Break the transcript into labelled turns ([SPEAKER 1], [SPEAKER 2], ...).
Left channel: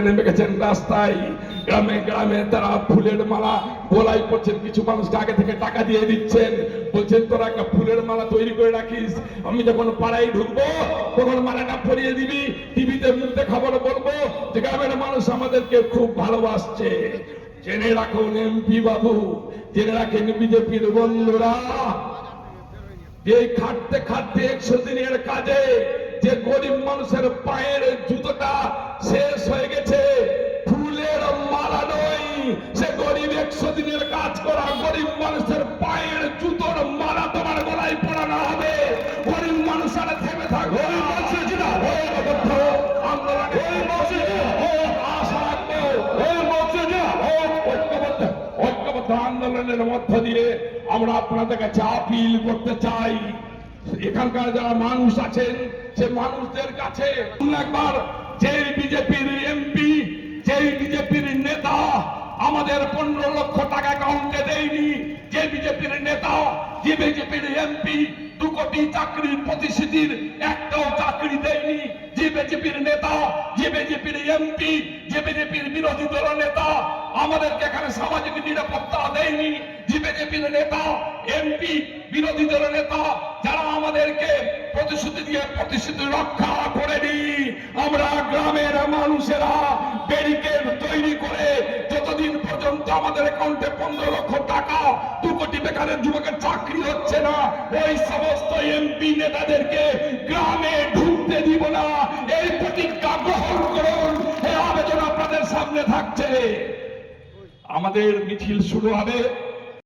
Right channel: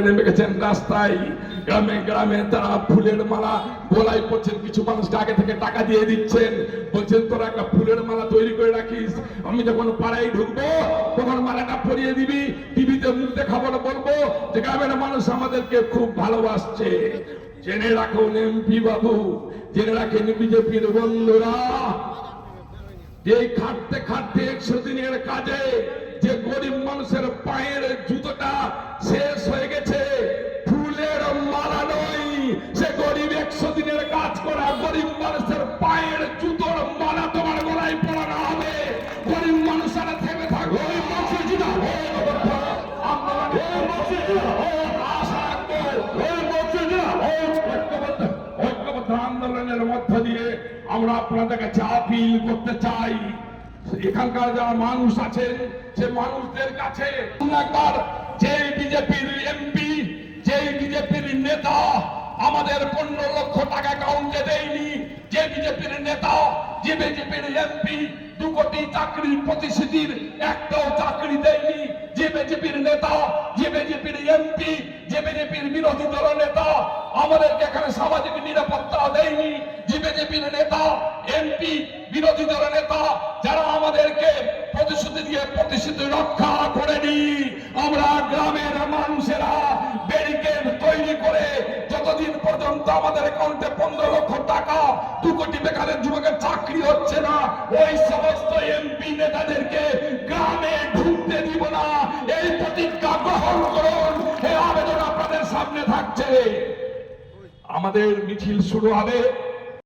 [SPEAKER 1] নেমে গেছেন রাস্তায়। গ্রামে গ্রামে তারা ফুলের মালা বোলাই করছেন কিছু মানুষকে আগে থেকে টাকা দিয়ে দিচ্ছেন। বলছেন, তোরা একটা ফুলের মালা তৈরি করে রাখিস। আমি যখন পাড়ায় ঢুকবো, তখন মালাটা পরিয়ে দিবি। টিভিতে মুখ দেখাবো বলব যে, গ্রামের মানুষ আমাদেরকে খুব ভালোবাসছে। জেনে রাখুন এমপি বাবু, জেনে রাখেন বিজেপির বন্ধুরা। যে খাটতে খাটতে একশো দিনের কাজে, যে গরিব মানুষের পায়ের জুতোটা কাজ করা গরিব মানুষের পায়ের জুতোর মালা তোমার গলায় পড়ানো হবে। গরিব মানুষেরা থেমে থাকবে আন্দোলনের মধ্য দিয়ে আমরা আপনাদের কাছে আপিল করতে চাই। এখানকার যারা মানুষ আছেন সে মানুষদের কাছে একবার আমাদের পনেরো লক্ষ টাকা অ্যাকাউন্টে দেয়নি। যে বিজেপির নেতা, যে বিজেপির এমপি দু কোটি চাকরির প্রতিশ্রুতির একটাও চাকরি দেয়নি। যে বিজেপির নেতা, যে বিজেপির এমপি যে বিজেপির বিরোধী দল নেতা, আমাদেরকে এখানে সামাজিক নিরাপত্তা দেয়নি। যে বিজেপির নেতা এমপি বিরোধী দল নেতা, যারা আমাদেরকে প্রতিশ্রুতি দিয়ে প্রতিশ্রুতি রক্ষা করেনি। আমরা গ্রামের পর্যন্ত আমাদের অ্যাকাউন্টে পনেরো লক্ষ টাকা, দু কোটি বেকারের যুবকের চাকরি হচ্ছে না। ওই সমস্ত এমপি নেতাদেরকে গ্রামে ঢুকতে দিব না। এই প্রতিজ্ঞা গ্রহণ করুন। এই আবেদন আপনাদের সামনে থাকছে। আমাদের মিছিল শুরু হবে।